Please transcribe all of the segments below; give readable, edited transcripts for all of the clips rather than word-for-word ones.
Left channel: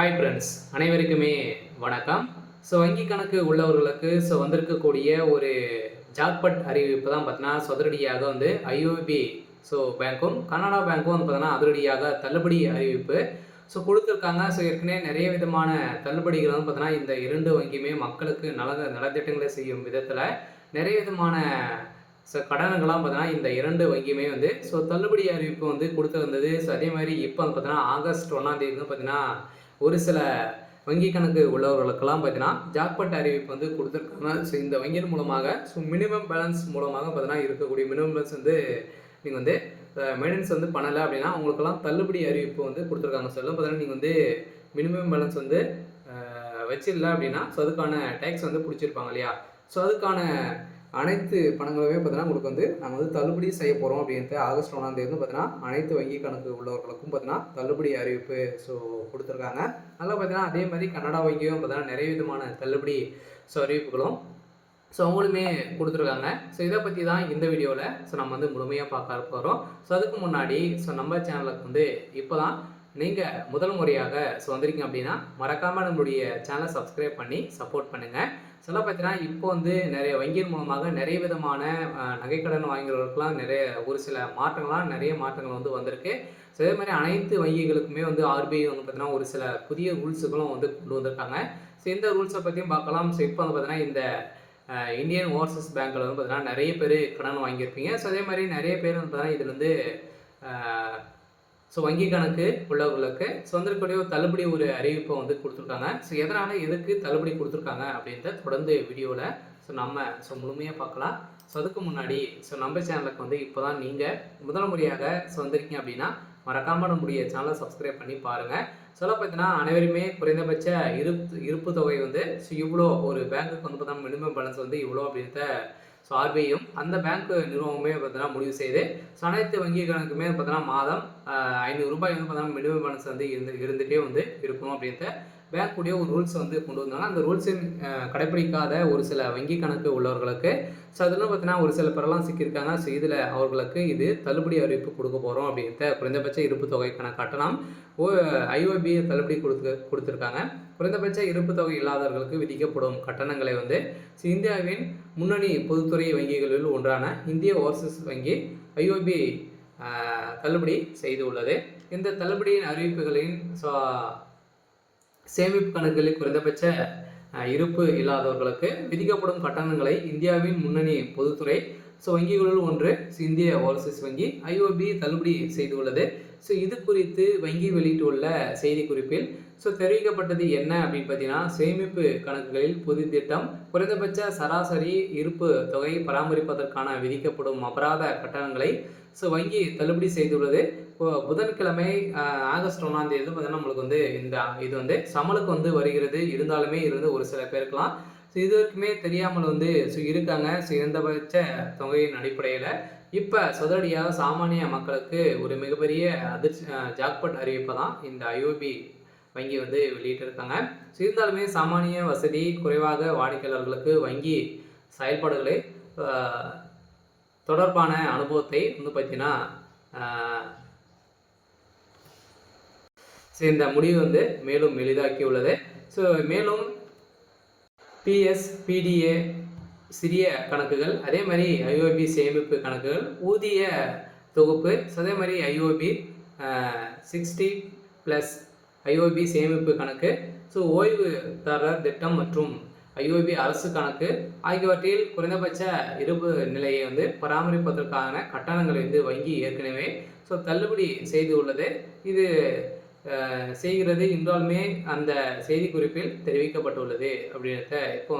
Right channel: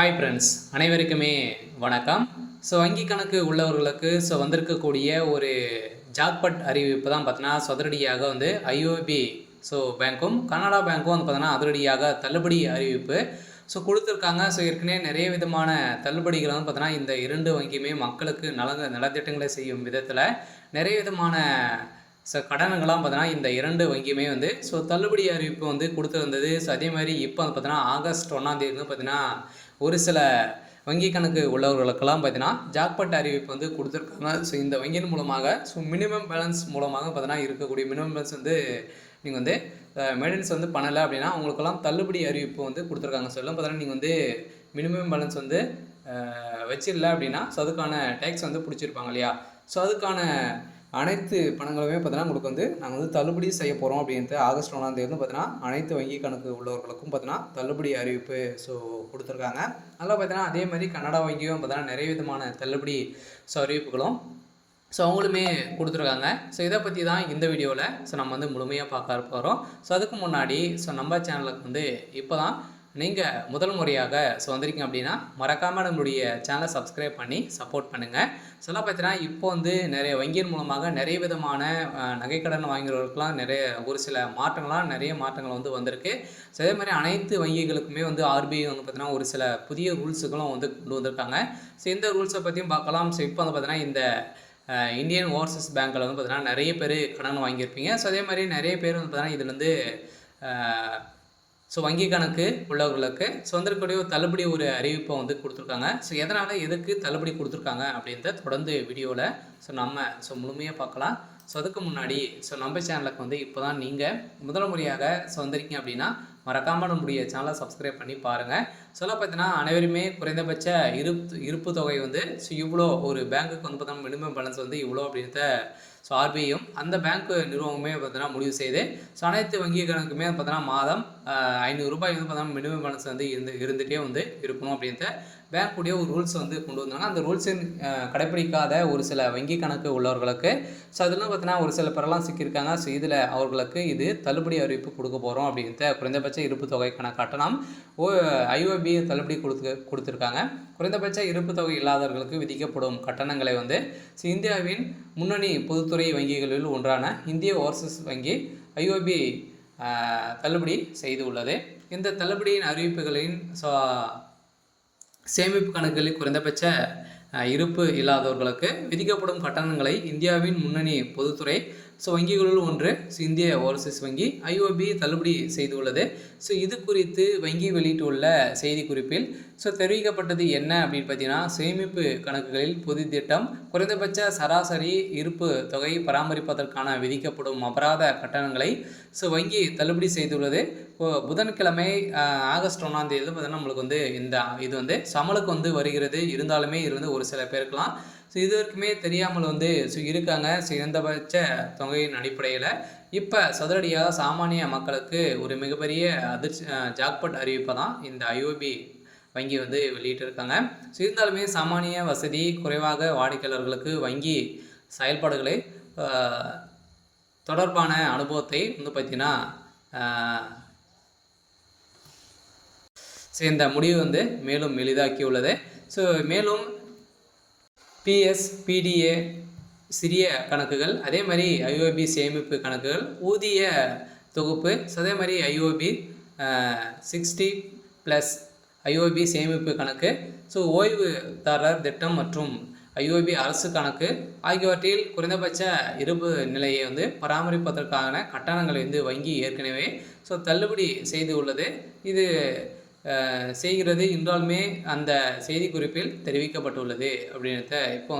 Hi friends, அனைவருக்குமே வணக்கம். வங்கி கணக்கு உள்ளவர்களுக்கு வந்திருக்கக்கூடிய ஒரு ஜாக்பாட் அறிவிப்பு தான் பார்த்தீங்கன்னா, அதிரடியாக ஐஓபி பேங்க்கும், கனரா பேங்க்கும் பார்த்தீங்கன்னா, அதிரடியாக தள்ளுபடி அறிவிப்பு குடுத்துருக்காங்க. ஏற்கனவே நிறைய விதமான தள்ளுபடிகள் பார்த்தீங்கன்னா, இந்த 2 வங்கியுமே மக்களுக்கு நலத்திட்டங்களை செய்யும் விதத்தில நிறைய விதமான கடனுங்கள்லாம் பார்த்தீங்கன்னா, இந்த 2 வங்கியுமே தள்ளுபடி அறிவிப்பு குடுத்திருந்தது. அதே மாரி இப்போ பார்த்தீங்கன்னா, ஆகஸ்ட் 1ஆம் தேதி பார்த்தீங்கன்னா, ஒரு சில வங்கி கணக்கு உள்ளவர்களுக்கெல்லாம் பார்த்தீங்கன்னா, ஜாக்பாட் அறிவிப்பு குடுத்துருக்காங்க. இந்த வங்கியின் மூலமாக மினிமம் பேலன்ஸ் மூலமாக பார்த்தீங்கன்னா, இருக்கக்கூடிய மினிமம் பேலன்ஸ் நீங்க மெயின்டெனன்ஸ் பண்ணல அப்படின்னா, உங்களுக்கெல்லாம் தள்ளுபடி அறிவிப்பு குடுத்துருக்காங்க. எல்லாம் பார்த்தீங்கன்னா, நீங்க மினிமம் பேலன்ஸ் வச்சிரல அப்படின்னா, அதுக்கான டேக்ஸ் புடிச்சிருப்பாங்க இல்லையா? அதுக்கான அனைத்து பணங்களுமே பார்த்தீங்கன்னா, உங்களுக்கு நாங்கள் தள்ளுபடி செய்ய போகிறோம் அப்படின்ட்டு ஆகஸ்ட் 1ஆம் தேதி பார்த்தீங்கன்னா, அனைத்து வங்கி கணக்கு உள்ளவர்களுக்கும் பார்த்தீங்கன்னா, தள்ளுபடி அறிவிப்பு குடுத்துருக்காங்க. அதில் பார்த்தீங்கன்னா, அதே மாதிரி கனரா வங்கியும் பார்த்தீங்கன்னா, நிறைய விதமான தள்ளுபடி அறிவிப்புகளும் அவங்களுமே குடுத்துருக்காங்க. இதை பற்றி தான் இந்த வீடியோவில் நம்ம முழுமையாக பார்க்க போகிறோம். அதுக்கு முன்னாடி நம்ம சேனலுக்கு இப்போ தான் நீங்கள் முதல் முறையாக வந்திருக்கீங்க அப்படின்னா, மறக்காமல் நம்மளுடைய சேனலை சப்ஸ்கிரைப் பண்ணி சப்போர்ட் பண்ணுங்கள். பார்த்தீங்கன்னா, இப்போ நிறைய வங்கியின் மூலமாக நிறைய விதமான நகைக்கடன் வாங்குறவர்களுக்கெல்லாம் ஒரு சில நிறைய மாற்றங்கள் வந்திருக்கு. அதே மாதிரி அனைத்து வங்கிகளுக்குமே ஆர்பிஐ பார்த்தீங்கன்னா, ஒரு சில புதிய ரூல்ஸுகளும் கொண்டு வந்திருக்காங்க. இந்த ரூல்ஸை பற்றியும் பார்க்கலாம். இப்போ பார்த்தீங்கன்னா, இந்த இந்தியன் ஓவர்சீஸ் பேங்க்கில் பார்த்தீங்கன்னா, நிறைய பேர் கடன் வாங்கியிருப்பீங்க. அதே மாதிரி நிறைய பேர் பார்த்தீங்கன்னா, இதுலேருந்து வங்கி கணக்கு உள்ளவர்களுக்கு வந்திருக்கக்கூடிய தள்ளுபடி ஒரு அறிவிப்பை கொடுத்துருக்காங்க. எதனால் எதுக்கு தள்ளுபடி கொடுத்துருக்காங்க அப்படின்றத தொடர்ந்து வீடியோவில் நம்ம முழுமையாக பார்க்கலாம். அதுக்கு முன்னாடி நம்ம சேனலுக்கு இப்போ தான் நீங்கள் முதல் முறையாக வந்திருக்கீங்க அப்படின்னா, மறக்காமல் நம்முடைய சேனலை சப்ஸ்கிரைப் பண்ணி பாருங்கள். பார்த்தீங்கன்னா, அனைவருமே குறைந்தபட்ச இருப்பு தொகை இவ்வளோ ஒரு பேங்க்குக்கு பார்த்தீங்கன்னா, மினிமம் பேலன்ஸ் இவ்வளோ அப்படின்றத ஆர்பிஐயும் அந்த பேங்க் நிறுவனமே பார்த்தீங்கன்னா முடிவு செய்து அனைத்து வங்கி கணக்குமே பார்த்தீங்கன்னா மாதம் ₹500 பார்த்தீங்கன்னா மினிமம் பேலன்ஸ் இருந்துகிட்டே இருக்கணும் அப்படின்ட்டு பேங்க்குடைய ஒரு ரூல்ஸ் கொண்டு வந்தாங்க. அந்த ரூல்ஸை கடைப்பிடிக்காத ஒரு சில வங்கி கணக்கு உள்ளவர்களுக்கு அதில் பார்த்தீங்கன்னா ஒரு சில பேரெல்லாம் சிக்கியிருக்காங்க. இதில் அவர்களுக்கு இது தள்ளுபடி அறிவிப்பு கொடுக்க போகிறோம் அப்படின்ட்டு குறைந்தபட்ச இருப்பு தொகைக்கான கட்டணம் ஐஓபி தள்ளுபடி கொடுத்துருக்காங்க. குறைந்தபட்ச இருப்பு தொகை இல்லாதவர்களுக்கு விதிக்கப்படும் கட்டணங்களை இந்தியாவின் முன்னணி பொதுத்துறை வங்கிகளில் ஒன்றான இந்திய ஓவர்சீஸ் வங்கி ஐஓபி தள்ளுபடி செய்துள்ளது. இந்த தள்ளுபடியின் அறிவிப்புகளின் சேமிப்பு கணக்குகளில் குறைந்தபட்ச இருப்பு இல்லாதவர்களுக்கு விதிக்கப்படும் கட்டணங்களை இந்தியாவின் முன்னணி பொதுத்துறை வங்கிகளுள் ஒன்று இந்திய ஓவர்சீஸ் வங்கி ஐஓபி தள்ளுபடி செய்துள்ளது. இது குறித்து வங்கி வெளியிட்டுள்ள செய்திக்குறிப்பில் தெரிவிக்கப்பட்டது என்ன அப்படின்னு பார்த்தீங்கன்னா, சேமிப்பு கணக்குகளில் பொது திட்டம் குறைந்தபட்ச சராசரி இருப்பு தொகை பராமரிப்பதற்கான விதிக்கப்படும் அபராத கட்டணங்களை வங்கி தள்ளுபடி செய்துள்ளது. புதன்கிழமை ஆகஸ்ட் 1ஆம் தேதி பார்த்தீங்கன்னா, நம்மளுக்கு இது சமலுக்கு வருகிறது. இருந்தாலுமே ஒரு சில பேருக்கெல்லாம் இது வரைக்குமே தெரியாமல் இருக்காங்க. குறைந்தபட்ச தொகையின் அடிப்படையில் இப்போ சதுரடியாக சாமானிய மக்களுக்கு ஒரு மிகப்பெரிய ஜாக்பாட் அறிவிப்பை தான் இந்த ஐஓபி வங்கி வெளியிட்டிருக்காங்க. இருந்தாலுமே சாமானிய வசதி குறைவாக வாடிக்கையாளர்களுக்கு வங்கி செயல்பாடுகளை தொடர்பான அனுபவத்தை பார்த்தீங்கன்னா இந்த முடிவு மேலும் எளிதாக்கியுள்ளது. மேலும் பிஎஸ், பிடிஏ சிறிய கணக்குகள், அதே மாதிரி ஐஓபி சேமிப்பு கணக்குகள், ஊதிய தொகுப்பு, அதே மாதிரி ஐஓபி 60+ ஐஓபி சேமிப்பு கணக்கு, ஓய்வுதாரர் திட்டம் மற்றும் ஐஓபி அரசு கணக்கு ஆகியவற்றில் குறைந்தபட்ச இருப்பு நிலையை பராமரிப்பதற்கான கட்டணங்களை வங்கி ஏற்கனவே தள்ளுபடி செய்து உள்ளது. இது செய்கிறது என்றாலுமே அந்த செய்திக்குறிப்பில் தெரிவிக்கப்பட்டுள்ளது அப்படின்றத இப்போ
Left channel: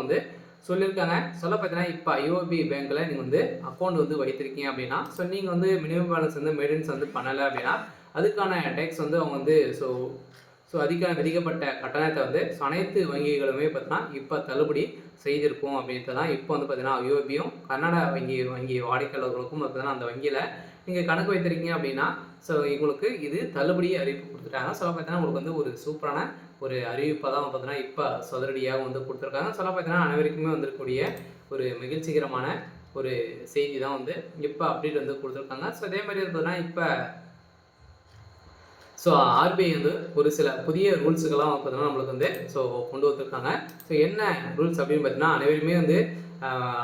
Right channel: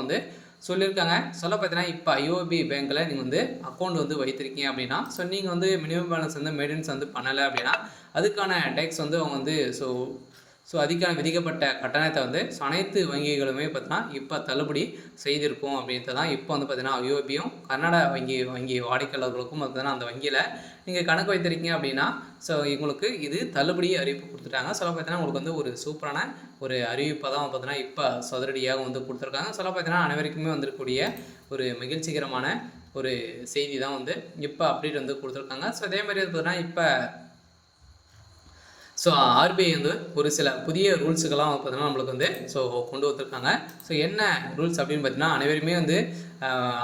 சொல்லியிருக்காங்க. பார்த்தீங்கன்னா, இப்போ ஐஓபி பேங்க்கில் நீங்கள் அக்கௌண்ட் வைத்திருக்கீங்க அப்படின்னா, நீங்கள் மினிமம் பேலன்ஸ் மெயின்டெனன்ஸ் பண்ணலை அப்படின்னா, அதுக்கான டேக்ஸ் அவங்க அதுக்கான விதிக்கப்பட்ட கட்டணத்தை அனைத்து வங்கிகளுமே பார்த்தீங்கன்னா இப்போ தள்ளுபடி செய்திருக்கும் அப்படின்றது தான் இப்போ பார்த்தீங்கன்னா ஐஓபியும் கர்நாடகா வங்கி வாடிக்கையாளர்களுக்கும் பார்த்தீங்கன்னா அந்த வங்கியில் நீங்கள் கணக்கு வைத்திருக்கீங்க அப்படின்னா உங்களுக்கு இது தள்ளுபடி அறிவிப்பு கொடுத்துட்டாங்க. பார்த்தீங்கன்னா உங்களுக்கு ஒரு சூப்பரான ஒரு அறிவிப்பாக தான் பார்த்தீங்கன்னா இப்போ சதுரடியாக கொடுத்துருக்காங்க. பார்த்தீங்கன்னா அனைவருக்குமே இருக்கக்கூடிய ஒரு மகிழ்ச்சிகரமான ஒரு செய்தி தான் இப்போ அப்டேட் கொடுத்துருக்காங்க. அதே மாதிரி பார்த்தீங்கன்னா இப்போ ஸோ ஆர்பிஐ வந்து ஒரு சில புதிய ரூல்ஸுக்கெல்லாம் பார்த்தீங்கன்னா நம்மளுக்கு வந்து கொண்டு வந்திருக்காங்க. ஸோ என்ன ரூல்ஸ் அப்படின்னு பார்த்தீங்கன்னா, அனைவருமே வந்து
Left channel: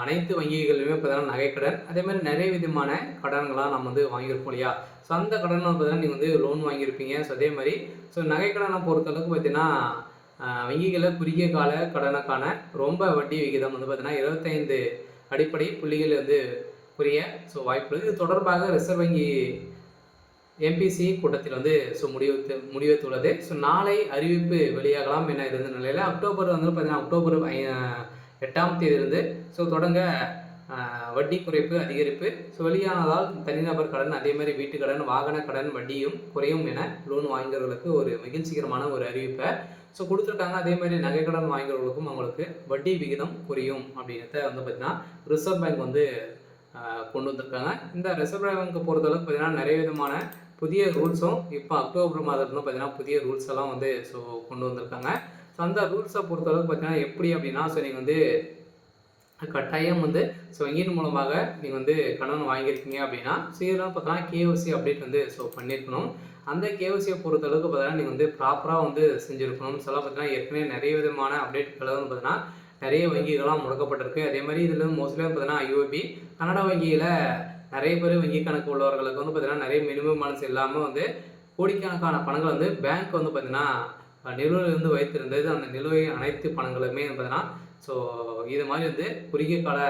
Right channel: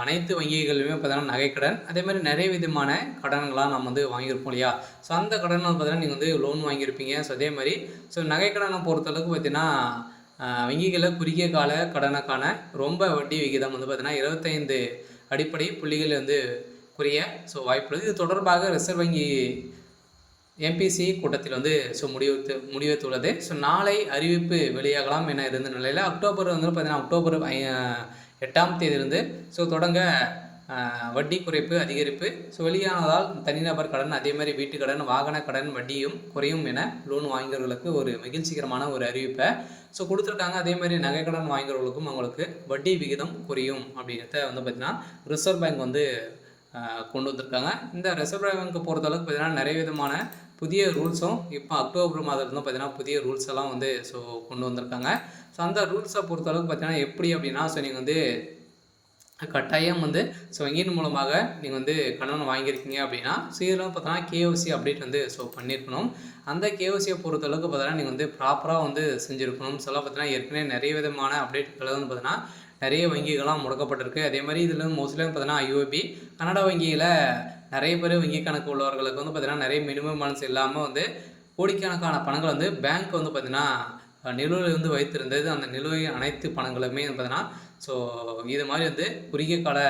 அனைத்து வங்கிகளிலுமே பார்த்தீங்கன்னா நகைக்கடன், அதேமாதிரி நிறைய விதமான கடன்கள்லாம் நம்ம வந்து வாங்கியிருப்போம் இல்லையா? ஸோ அந்த கடன் பார்த்தீங்கன்னா நீங்கள் வந்து லோன் வாங்கியிருப்பீங்க. ஸோ அதே மாதிரி நகைக்கடனை பொறுத்தளவுக்கு பார்த்தீங்கன்னா வங்கிகளில் குறுகிய கால கடனுக்கான ரொம்ப வட்டி விகிதம் வந்து பார்த்தீங்கன்னா 25 அடிப்படை புள்ளிகள் வந்து குறைய வாய்ப்புள்ளது. இது தொடர்பாக ரிசர்வ் வங்கி எம்பிசி கூட்டத்தில் வந்து முடிவெடுத்துள்ளது. நாளை அறிவிப்பு வெளியாகலாம் என இருந்த நிலையில் அக்டோபர் வந்து பார்த்தீங்கன்னா அக்டோபர் 8ஆம் தேதியிலிருந்து தொடங்க வட்டி குறைப்பு அதிகரிப்பு வெளியானதால் தனிநபர் கடன், அதே மாதிரி வீட்டு கடன், வாகன கடன் வட்டியும் குறையும் என லோன் வாங்கியவர்களுக்கு ஒரு மகிழ்ச்சிகரமான ஒரு அறிவிப்பை கொடுத்துருக்காங்க. அதே மாதிரி நகைக்கடன் வாங்கியவர்களுக்கும் அவங்களுக்கு வட்டி விகிதம் குறையும் அப்படின்றத வந்து பார்த்தீங்கன்னா ரிசர்வ் பேங்க் வந்து கொண்டு வந்திருக்காங்க. இந்த ரிசர்வ் பேங்கை பொறுத்தளவுக்கு பார்த்தீங்கன்னா நிறைய விதமான புதிய ரூல்ஸும் இப்போ அக்டோபர் மாதத்துலேருந்து பார்த்தீங்கன்னா புதிய ரூல்ஸ் எல்லாம் வந்து கொண்டு வந்திருக்காங்க. அந்த ரூல்ஸை பொறுத்தளவுக்கு பார்த்தீங்கன்னா எப்படி அப்படின்னா நீங்கள் வந்து கட்டாயம் வந்து வங்கியின் மூலமாக நீங்கள் வந்து கடன் வாங்கியிருக்கீங்க அப்படின்னா இதெல்லாம் பார்த்தீங்கன்னா கேஓசி அப்டேட் வந்து பண்ணியிருக்கணும். அந்த கேஓசியை பொறுத்தளவுக்கு பார்த்தீங்கன்னா நீங்கள் வந்து ப்ராப்பராக வந்து செஞ்சுருக்கணும். பார்த்தீங்கன்னா ஏற்கனவே நிறைய விதமான அப்டேட்கள் வந்து பார்த்தீங்கன்னா நிறைய வங்கிகள்லாம் முடக்கப்பட்டிருக்கு. அதே மாதிரி இதில் மோஸ்ட்லி பார்த்தீங்கன்னா ஐஓபி கனடா வங்கியில் நிறைய பேர் வங்கி கணக்கு உள்ளவர்களுக்கு வந்து பார்த்தீங்கன்னா நிறைய மினிமம் பேலன்ஸ் இல்லாமல் வந்து கோடிக்கணக்கான பணங்கள் வந்து பேங்க் வந்து பார்த்தீங்கன்னா நிலுவையில் வந்து வைத்திருந்தது. அந்த நிலுவை அனைத்து பணங்களுமே பார்த்தீங்கன்னா இது மாதிரி வந்து குறுகிய கால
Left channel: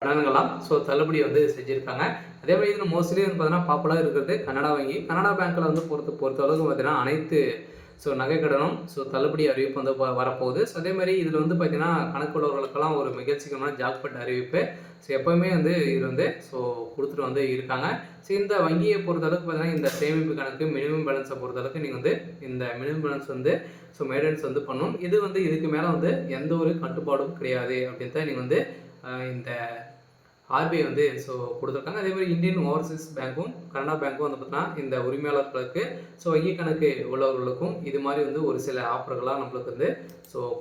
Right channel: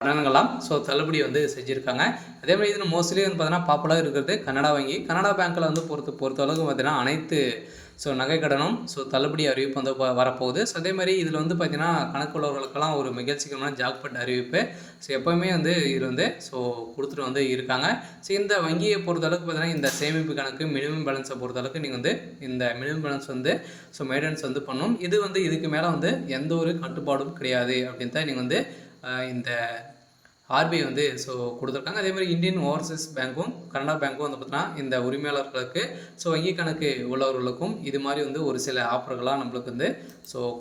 கடன்கள்லாம் தள்ளுபடி வந்து செஞ்சுருக்காங்க. அதே மாதிரி இதில் மோஸ்ட்லி வந்து பார்த்தீங்கன்னா பாப்புலராக இருக்கிறது கனடா வங்கி. கனடா பேங்க்கில் வந்து பொறுத்தளவுக்கு பார்த்தீங்கன்னா அனைத்து நகைக்கடனும் தள்ளுபடி அறிவிப்பு வந்து வரப்போகுது. அதே மாதிரி இதில் வந்து பார்த்தீங்கன்னா கணக்குள்ளவர்களுக்கெல்லாம் ஒரு மகிழ்ச்சிகரமான ஜாக்பாட் அறிவிப்பு எப்போவுமே வந்து இது வந்து கொடுத்துட்டு வந்து இருக்காங்க. இந்த வங்கியை பொறுத்தளவுக்கு பார்த்தீங்கன்னா இந்த சேமிப்பு கணக்கு மினிமம் பேலன்ஸை பொறுத்தளவுக்கு நீங்கள் வந்து இந்த மினிமம் பேலன்ஸ் வந்து மெயின்டெனன்ஸ் வந்து பண்ணணும். இது வந்து இதுக்கு மேலே வந்து எந்த ஒரு கட்டுப்பாடும் கிடையாது அப்படின்னு தான் நீங்கள் வந்து இந்த ஆர்பிஐ வந்து கொடுத்துருக்காங்க. அதே மாதிரி இந்தியன் ஓவர்சீஸ் பேங்க்கும் கனடா பேங்க்கும் வந்து பார்த்தீங்கன்னா இந்த உரிமையாளர்களுக்கு வங்கி கணக்கு உள்ளவர்களுக்கும் இது மாதிரி வந்து ஒரு சில ஆஃபர்கள்லாம் நம்மளுக்கு வந்து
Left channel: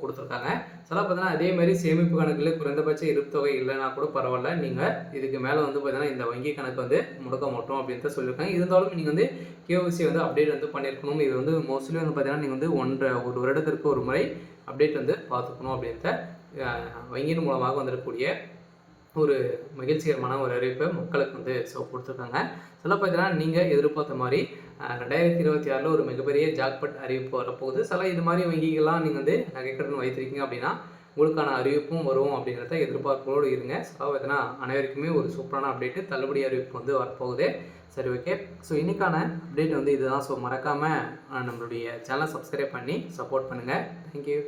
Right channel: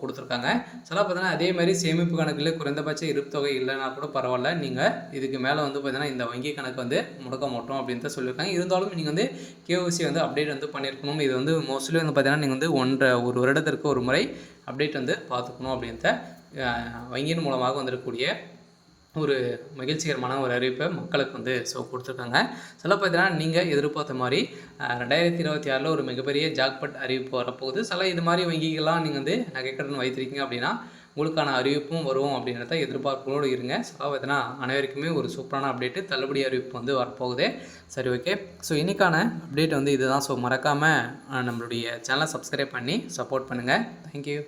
கொடுத்துருக்காங்க. பார்த்தீங்கன்னா அதே மாதிரி சேமிப்பு கணக்கில் குறைந்தபட்ச இருப்பு தொகை இல்லைன்னா கூட பரவாயில்ல, நீங்கள் இதுக்கு மேலே வந்து பார்த்தீங்கன்னா இந்த வங்கி கணக்கு வந்து முடக்க மாட்டோம் அப்படின்னு தான் சொல்லியிருக்காங்க. இருந்தாலும் நீங்கள் வந்து கேஓசி வந்து அப்டேட் வந்து பண்ணியிருக்கணும். இது வந்து மோஸ்ட்லி வந்து பார்த்தீங்கன்னா நீங்கள் வந்து ஒரு வருடத்திற்கு ஒரு முறை அப்டேட் வந்து பார்த்துக்கணும் அப்படின்ற வங்கியின் மூலமாக வந்துடக்கூடிய ஒரு மகிழ்ச்சிகரமான ஒரு அறிவிப்பை மக்களுக்கு வந்து கொடுத்துருக்காங்க. பார்த்தீங்கன்னா நீங்கள் எதிர்பார்த்த மாதிரி 2026 ஒரு மிகப்பெரிய ஜாக்பாட் அறிவிப்பு வரப்போகுது. இது மாதிரி வங்கிகள்லாம் நீங்கள் வந்து நகைக்கடன் வைத்திருக்கீங்க அப்படின்னா உங்களுக்கான அறிவிப்பும் வரும் அப்படின்றத எதிர்பார்ப்போடு இருங்க. பார்த்தீங்கன்னா அனைவருக்குமே ஒரு சூப்பரான அப்டேட்டு தள்ளுபடி அறிவிப்பு வந்து வரப்போகுது. சரி, ஓகே. இன்றைக்கான அப்டேட் வந்து இதுதான். மறக்காமல் நம்மளுடைய சேனலை சப்ஸ்கிரைப் பண்ணி சப்போர்ட் பண்ணுங்கள். தேங்க்யூ.